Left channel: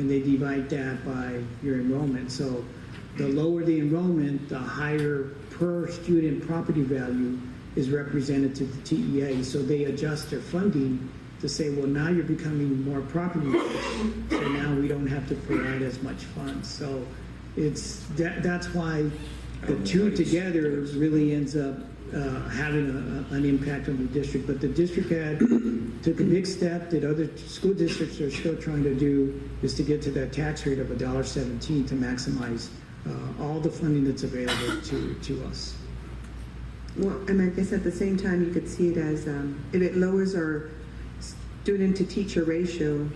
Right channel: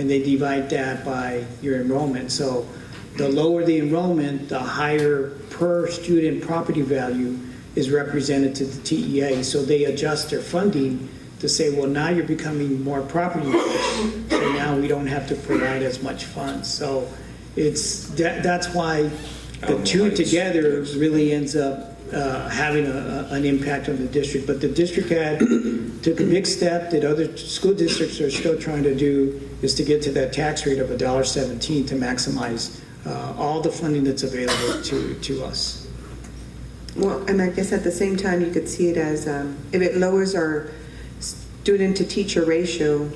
and they divide that by your enrollment. So the lower the enrollment, the higher per student property value is represented to the TEA. So they adjust their funding to say, well, now you're becoming more property rich, so now we don't have to provide as much funds. So that's why the two together really ends up having an impact on the district. But the district took a big step that other school districts are still trying to do, is to get to that tax rate of $1.17 to maximize all the funding that's available to us. Well, and I guess at the same time, you could see it as, if it lowers our student to teacher ratio,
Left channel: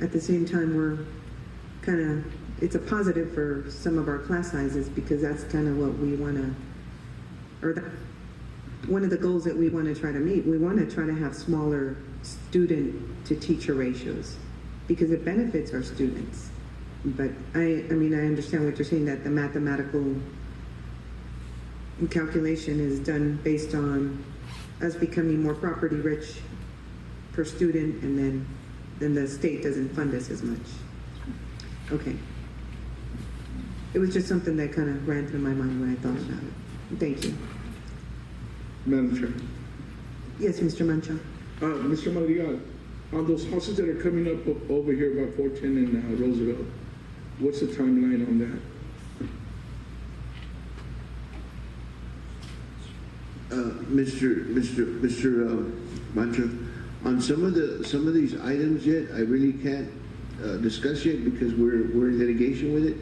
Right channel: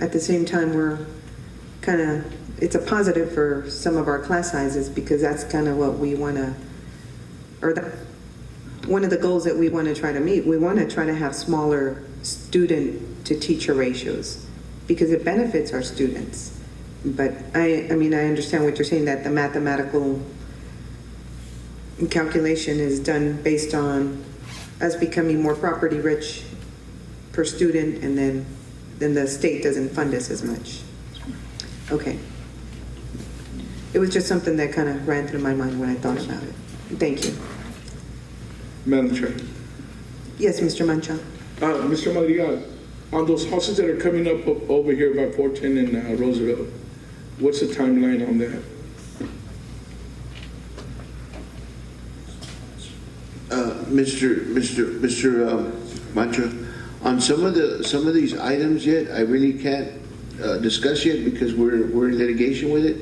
at the same time, we're kind of, it's a positive for some of our class sizes, because that's kind of what we want to, or one of the goals that we want to try to meet. We want to try to have smaller student to teacher ratios, because it benefits our students. But I mean, I understand what you're saying, that the mathematical calculation is done based on us becoming more property rich per student, and then the state doesn't fund us as much. Okay. It was just something that kind of ran through my mind when I thought about it. Thank you. Madam Chair. Yes, Mr. Mancha. Mr. Madrigal, on those houses that are coming up over here by 410 and Roosevelt, what's the timeline on that? Mr. Mancha, on some of these items yet, I really can't discuss yet, because we're in litigation with it,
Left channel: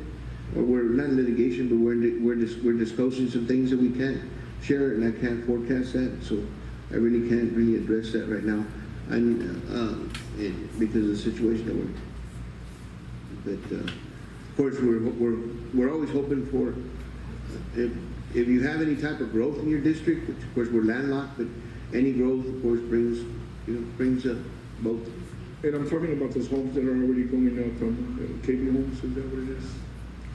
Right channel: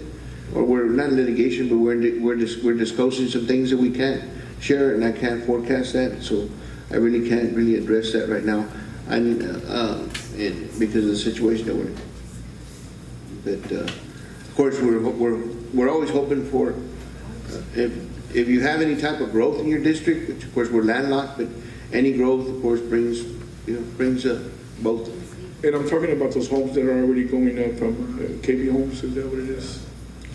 or we're not in litigation, but we're disclosing some things that we can't share, and I can't forecast that, so I really can't really address that right now. I mean, because of the situation that we're in. But of course, we're always hoping for if you have any type of growth in your district, which of course we're landlocked, but any growth, of course, brings both. And I'm talking about those homes that are already going up from KB Homes, is that what it is?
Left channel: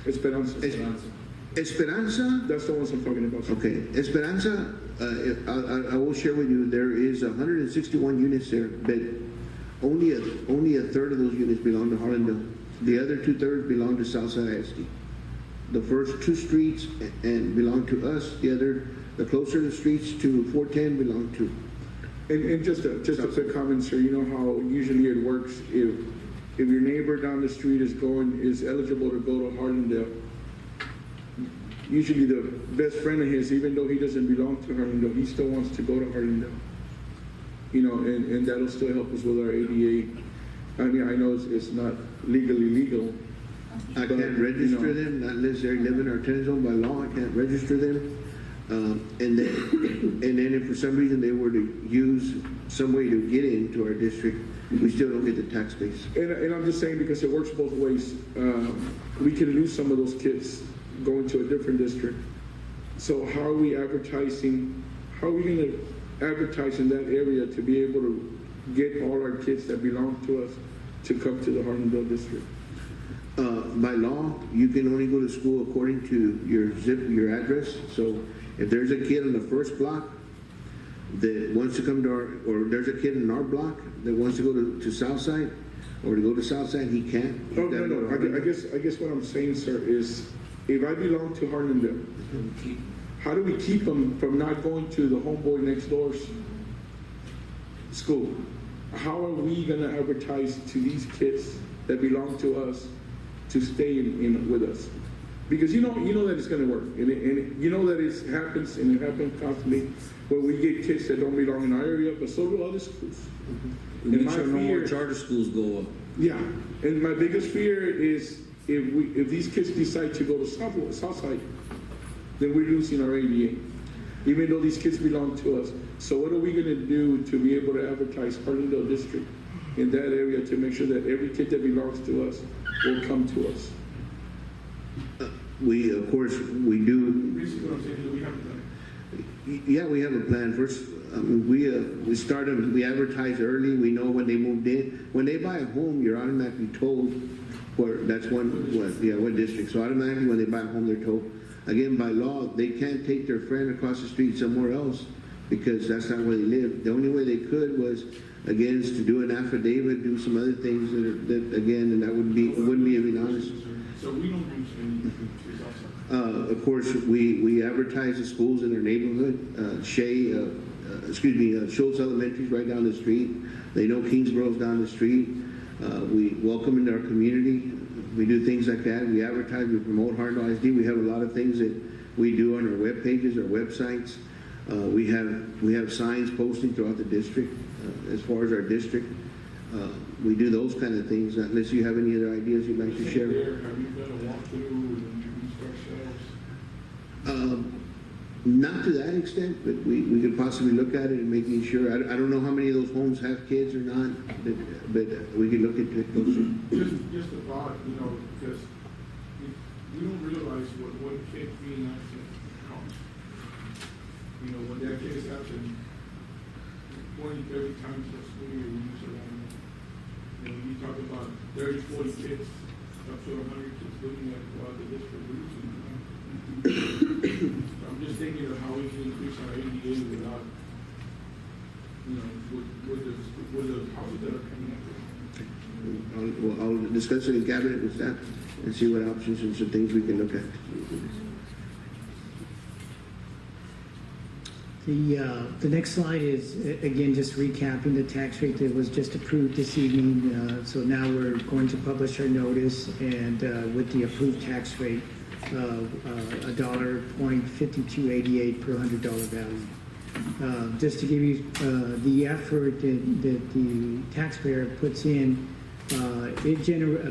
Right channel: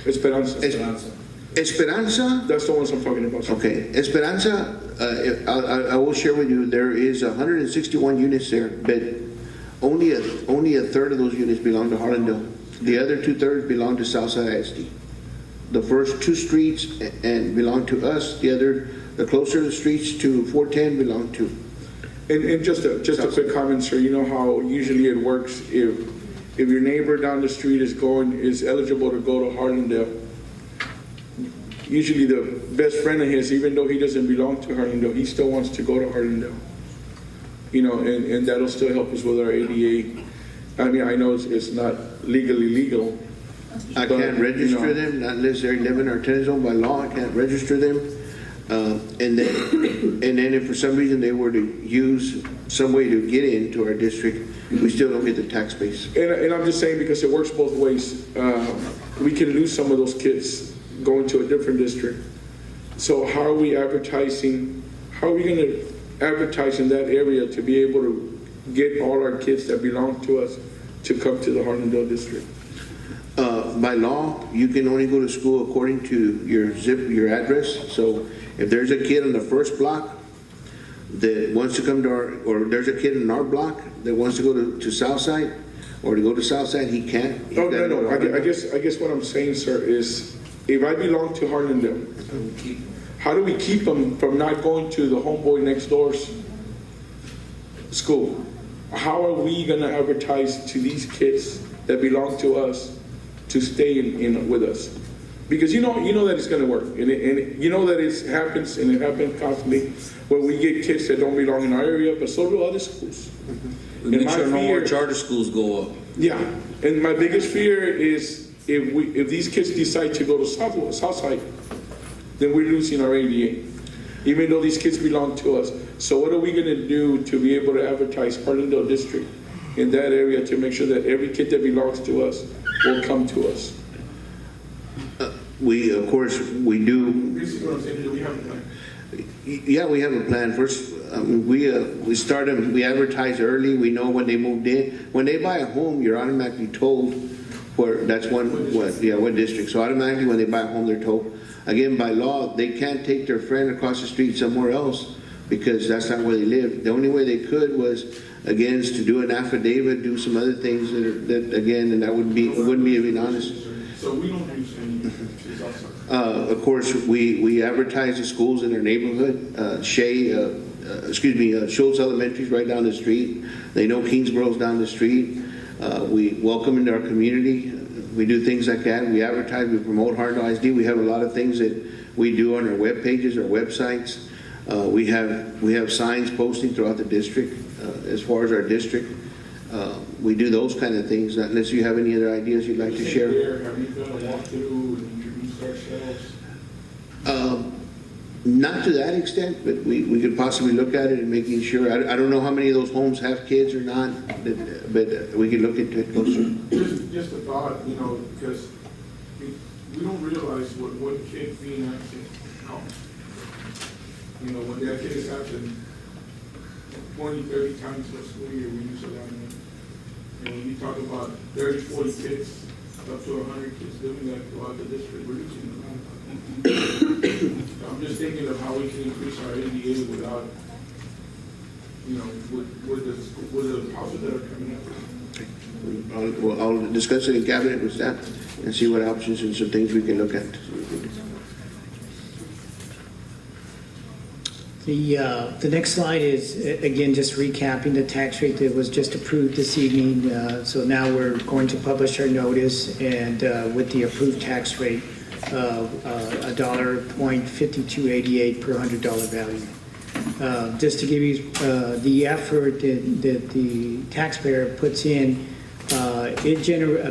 Esperanza. Esperanza? That's the ones I'm talking about. Okay, Esperanza, I will share with you, there is 161 units there, but only a third of those units belong to Harlandale. The other 2/3 belong to Southside ISD. The first two streets and belong to us. The closer streets to 410 belong to. And just a quick comment, sir. You know how usually it works if your neighbor down the street is eligible to go to Harlandale. Usually the best friend of his, even though he doesn't belong to Harlandale, he still wants to go to Harlandale. You know, and that'll still help us with our ADA. I mean, I know it's not legally legal. I can't register them unless they're 11 or 10 zone by law. I can't register them. And then if for some reason they were to use some way to get into our district, we still don't get the tax base. And I'm just saying, because it works both ways. We can lose some of those kids going to a different district. So how are we advertising? How are we going to advertise in that area to be able to get all our kids that belong to us to come to the Harlandale district? By law, you can only go to school according to your address. So if there's a kid in the first block that wants to come to or there's a kid in our block that wants to go to Southside, or to go to Southside, he can't. Oh, no. I guess what I'm saying, sir, is if I belong to Harlandale, how do we keep them from not going to the homeboy next door's school? How are we going to advertise to these kids that belong to us to stay in with us? Because you know that it's going to work, and you know that it happens, and it happens constantly when we get kids that don't belong in our area, but so do other schools. Make sure no more charter schools go up. Yeah, and my biggest fear is if these kids decide to go to Southside, then we're losing our ADA, even though these kids belong to us. So what are we going to do to be able to advertise Harlandale District in that area to make sure that every kid that belongs to us will come to us? Of course, we do. Basically what I'm saying, do we have a plan? Yeah, we have a plan. First, we start them. We advertise early. We know when they moved in. When they buy a home, you're automatically told where. That's what district. So automatically, when they buy a home, they're told. Again, by law, they can't take their friend across the street somewhere else because that's not where they live. The only way they could was, again, is to do an affidavit, do some other things that again, and that wouldn't be being honest. So we don't use any, it's outside. Of course, we advertise the schools in their neighborhood. Schultz Elementary is right down the street. They know Kingsboro's down the street. We welcome into our community. We do things like that. We advertise, we promote Harlandale ISD. We have a lot of things that we do on our web pages, our websites. We have signs posting throughout the district as far as our district. We do those kind of things, unless you have any other ideas you'd like to share. Have we done a walkthrough and introduced ourselves? Not to that extent, but we could possibly look at it and making sure. I don't know how many of those homes have kids or not, but we could look into it closer. Just a thought, you know, because we don't realize what kids being absent costs. You know, when that kid is absent 20, 30 times per school year, we use a lot of money. And when you talk about 30, 40 kids, up to 100 kids doing that throughout the district, we're using a lot of money. So I'm just thinking of how we can increase our ADA without, you know, with the houses that are coming up. I'll discuss it in cabinet with staff and see what options and some things we can look at. The next slide is, again, just recapping the tax rate that was just approved this evening. So now we're going to publish our notice, and with the approved tax rate of $1.5288 per $100 value. Just to give you the effort that the taxpayer puts in, a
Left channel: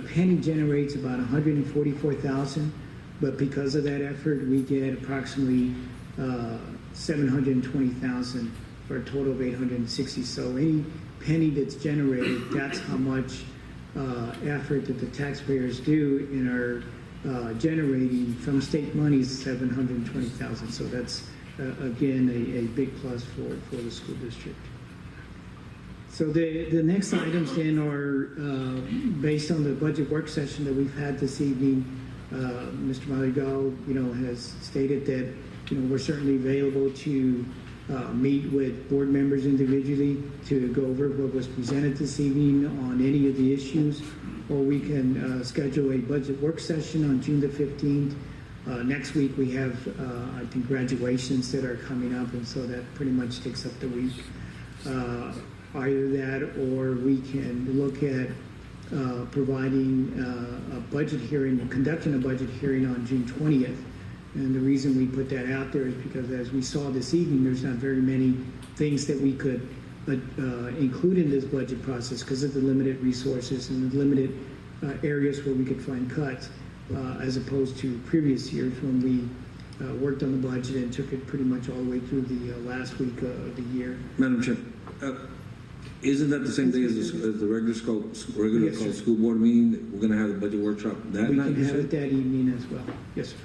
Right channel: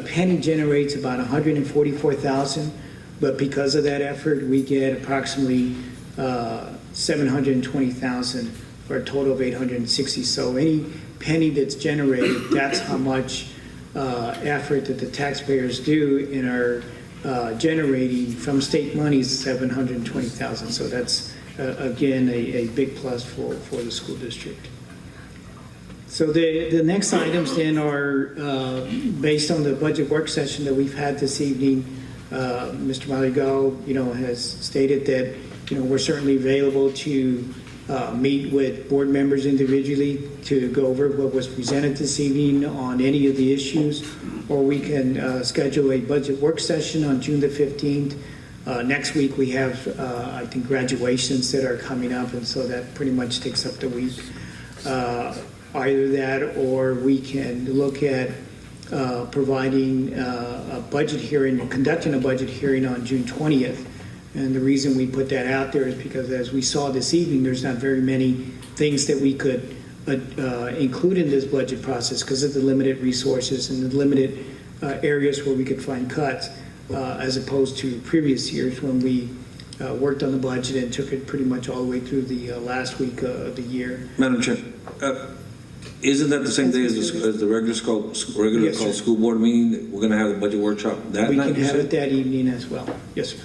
penny generates about 144,000, but because of that effort, we get approximately 720,000 for a total of 860. So any penny that's generated, that's how much effort that the taxpayers do in our generating from state monies 720,000. So that's again a big plus for the school district. So the next items then are based on the budget work session that we've had this evening. Mr. Maligal, has stated that we're certainly available to meet with board members individually to go over what was presented this evening on any of the issues, or we can schedule a budget work session on June the 15th. Next week we have, I think, graduations that are coming up, and so that pretty much takes up the week. Either that, or we can look at providing a budget hearing, or conducting a budget hearing on June 20th. And the reason we put that out there is because, as we saw this evening, there's not very many things that we could include in this budget process because of the limited resources and the limited areas where we could find cuts, as opposed to previous years when we worked on the budget and took it pretty much all the way through the last week of the year. Madam Chair, isn't that the same day as the regular Yes, called sir. school board meeting? We're going to have the budget workshop that We night? can have it that evening as well. Yes, sir.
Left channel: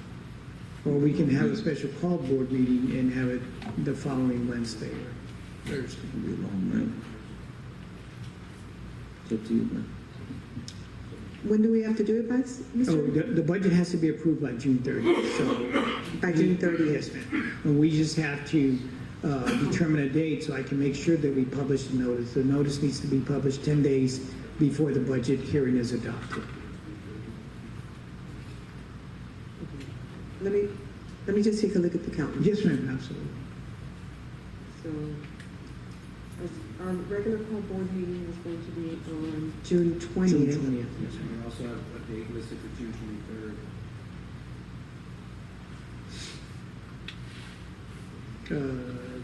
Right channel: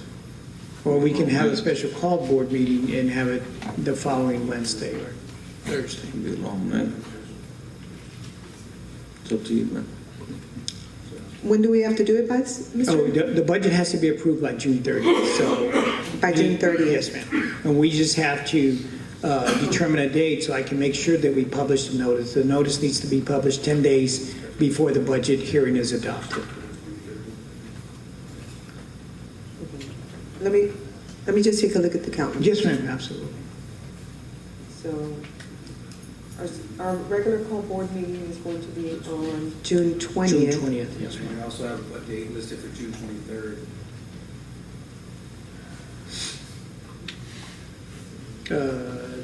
Or we can have a special call board meeting and have it the following Wednesday or Thursday. It'll be long, man. It's up to you, man. When do we have to do it by, Mr.? Oh, the budget has to be approved by June 30th, so. By June 30th? Yes, ma'am. And we just have to determine a date so I can make sure that we publish the notice. The notice needs to be published 10 days before the budget hearing is adopted. Let me just take a look at the calendar. Yes, ma'am, absolutely. So, our regular call board meeting is going to be on June 20th. June 20th, yes, ma'am. We also have a date listed for June 23rd.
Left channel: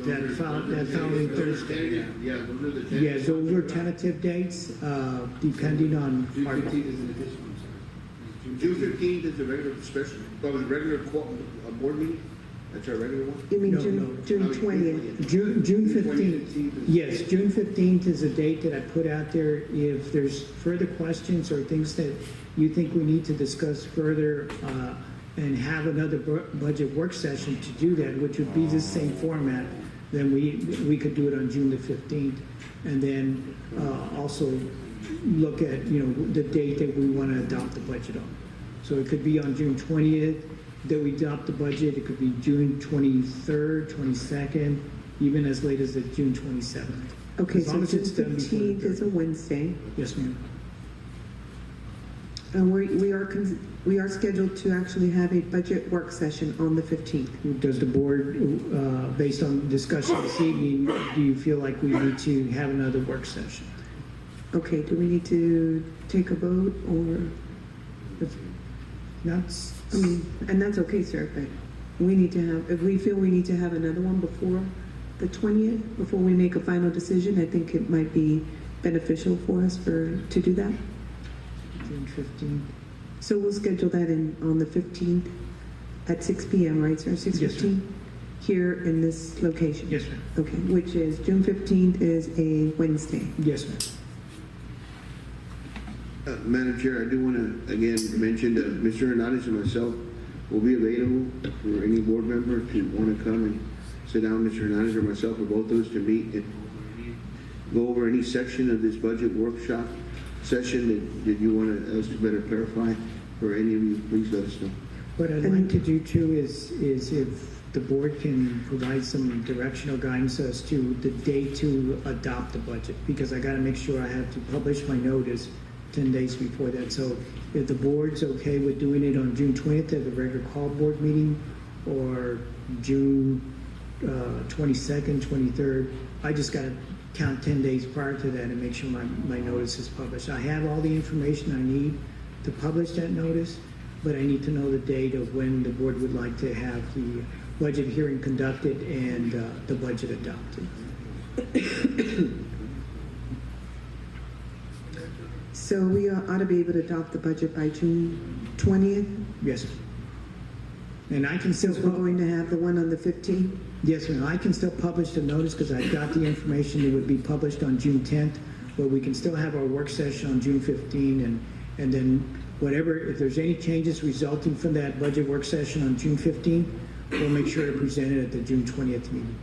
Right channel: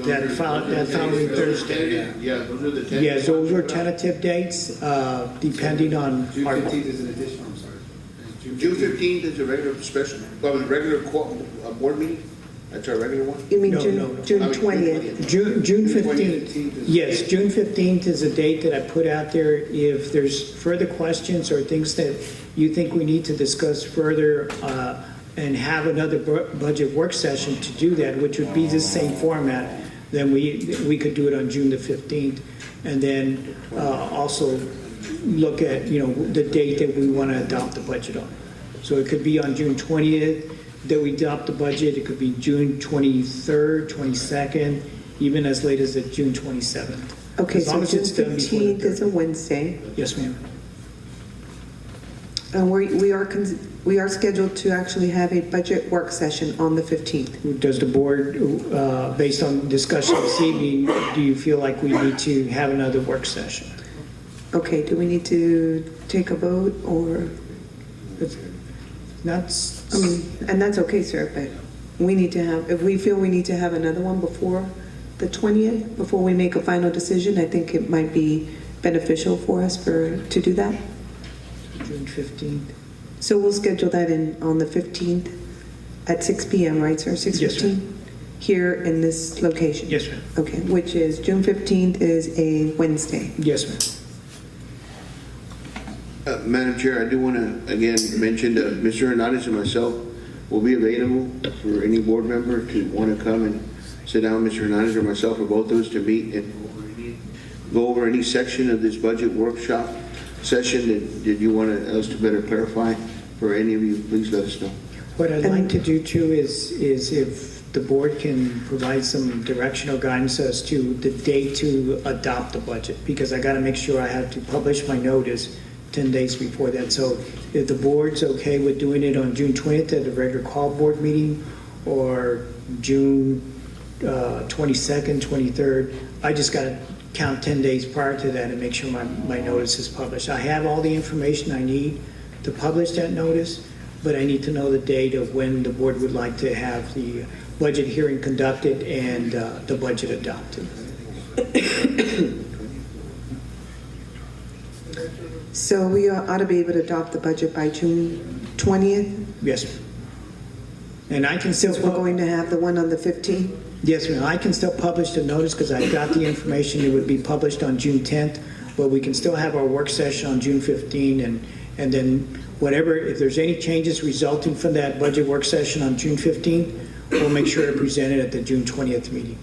That following Thursday. Yeah, those are the Yes, those are tentative dates, depending on June our. 15th is an additional, I'm sorry. June 15th is a regular special, the regular board meeting? That's our regular one? You mean No, June, no. June 20th? June 15th. 15th is- Yes, June 15th is a date that I put out there. If there's further questions or things that you think we need to discuss further, and have another budget work session to do that, which would be the same format, then we could do it on June the 15th. And then also look at, the date that we want to adopt the budget on. So it could be on June 20th that we adopt the budget. It could be June 23rd, 22nd. even as late as the June 27th. Okay, As long so as June it's done before the 15th is a Wednesday. Yes, ma'am. And we are scheduled to actually have a budget work session on the 15th. Does the board, based on discussion this evening, do you feel like we need to have another work session? Okay, do we need to take a vote or, That's, I mean, and that's okay, sir, but we need to have, if we feel we need to have another one before the 20th, before we make a final decision, I think it might be beneficial for us to do that. June 15th. So we'll schedule that in on the 15th at 6 p.m., right, sir? 6:15? Yes, ma'am. Here in this location? Yes, ma'am. Okay, which is June 15th is a Wednesday. Yes, ma'am. Madam Chair, I do want to again mention that Mr. Hernandez and myself will be available for any board member to want to come and sit down, Mr. Hernandez or myself, or both of us to meet and go over any section of this budget workshop session that you want us to better clarify. For any of you, please let us know. What I'd like to do too is if the board can provide some direction or guidance as to the date to adopt the budget, because I gotta make sure I have to publish my notice 10 days before that. So if the board's okay with doing it on June 20th at the regular call board meeting, or June 22nd, 23rd, I just gotta count 10 days prior to that and make sure my notice is published. I have all the information I need to publish that notice, but I need to know the date of when the board would like to have the budget hearing conducted and the budget adopted. So we ought to be able to adopt the budget by June 20th, Yes, ma'am. And I can still, since we're going to have the one on the 15th? yes, ma'am, I can still publish the notice because I've got the information. It would be published on June 10th, but we can still have our work session on June 15, and then whatever, if there's any changes resulting from that budget work session on June 15, we'll make sure to present it at the June 20th meeting.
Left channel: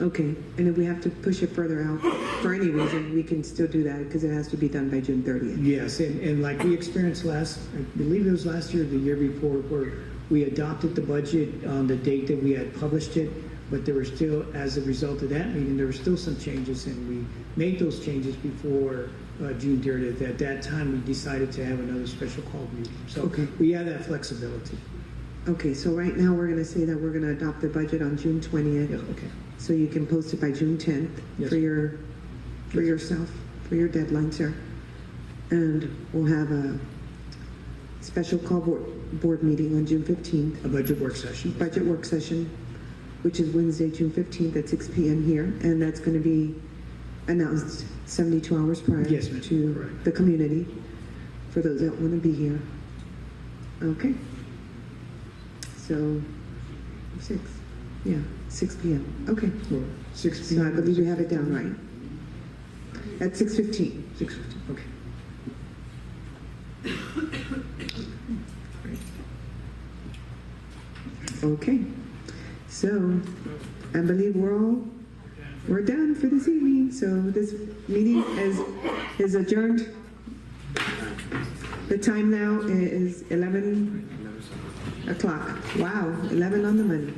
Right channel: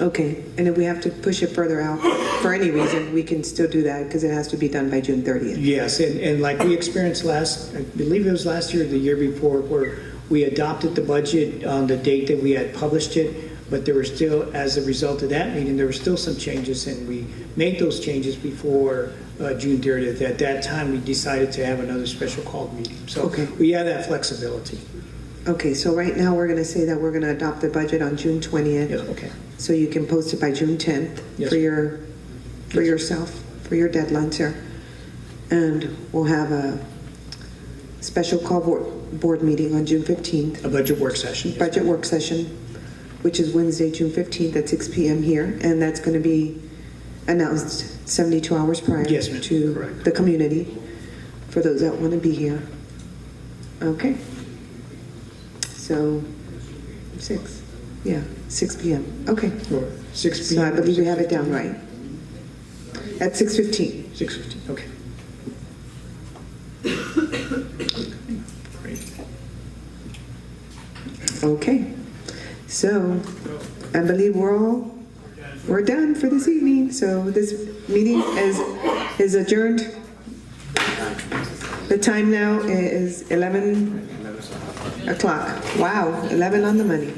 Okay, and if we have to push it further out for any reason, we can still do that because it has to be done by June 30th. Yes, and like we experienced I believe it was last year or the year before, where we adopted the budget on the date that we had published it, but there were still, as a result of that meeting, there were still some changes, and we made those changes before June 30th. At that time, we decided to have another special called meeting. So Okay. we have that flexibility. Okay, so right now, we're going to say that we're going to adopt the budget on June 20th. Yeah, okay. So you can post it by June 10th Yes. for yourself, for your deadline, sir. And we'll have a special call board meeting on June 15th, A budget work session. budget work session, which is Wednesday, June 15th at 6 p.m. here. And that's going to be announced 72 hours prior Yes, ma'am. to Correct. the community for those that want to be here. Okay. So 6 p.m. Okay. Or 6 So I p.m. believe we have it down right. At 6:15. 6:15, okay. Great. Okay. So I believe we're done for this evening. So this meeting is adjourned. The time now is 11 o'clock. Wow, 11 on the money.